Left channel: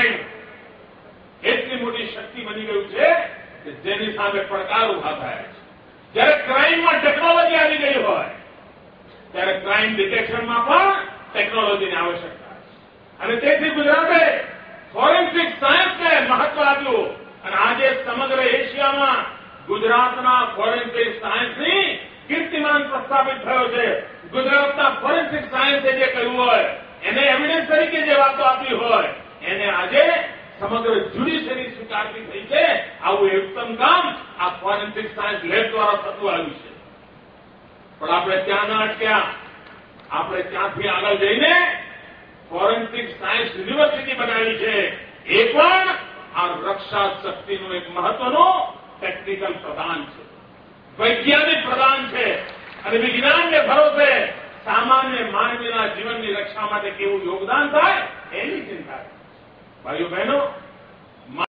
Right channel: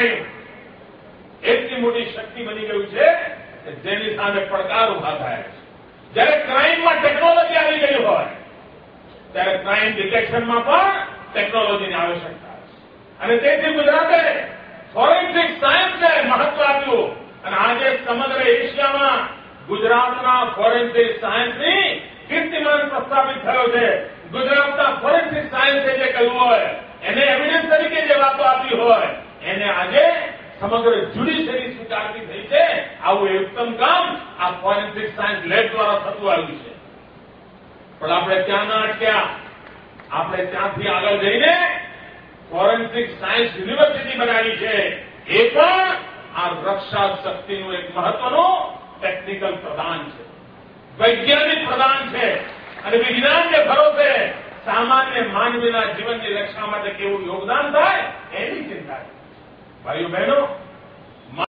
Crime એટલી મોટી શક્તિ બની ગયું છે કે જેની સામે પડકાર ઉભા થાય છે. જ્યારે ક્રાઇમમાં ટેકનોલોજી આવી ગઈ હોય ત્યારે ક્રાઇમ ડિટેક્શનમાં પણ ટેકનોલોજીની આવશ્યકતા છે. અને તેથી ગુજરાતે ફોરેન્સિક સાયન્સને મહત્વ આપ્યું અને આજે સમગ્ર એશિયામાં ગુજરાતના ફોરેન્સિક સાયન્સની કીર્તિમાન પ્રસ્થાપિત થયો છે. ગુજરાતના ફોરેન્સિક સાયન્સે જે કહ્યું હોય એને એવિડન્સ તરીકે જે વાતો આપી હોય એને આજે સમગ્ર જ્યુડિશરી સ્વીકારવી થઈ છે. આવું ઉત્તમ કામ આ ફોરેન્સિક સાયન્સ લેબ દ્વારા થતું આવ્યું છે. પણ આપણે ત્યાં ના અટક્યા. આપણે ત્યાંથી આગળ જઈને ફોરેન્સિક સાયન્સ યુનિવર્સિટી બનાવી છે. એ પણ આ રક્ષા શક્તિનું એક મહત્વનું ટેકનિકલ પ્રદાન છે, વૈજ્ઞાનિક પ્રદાન છે. અને વિજ્ઞાનને ભરોસે સામાન્ય માનવીના જીવનની રક્ષા માટે કેવું યોગદાન થાય એની ચિંતા છે. ભાઈઓ બહેનો,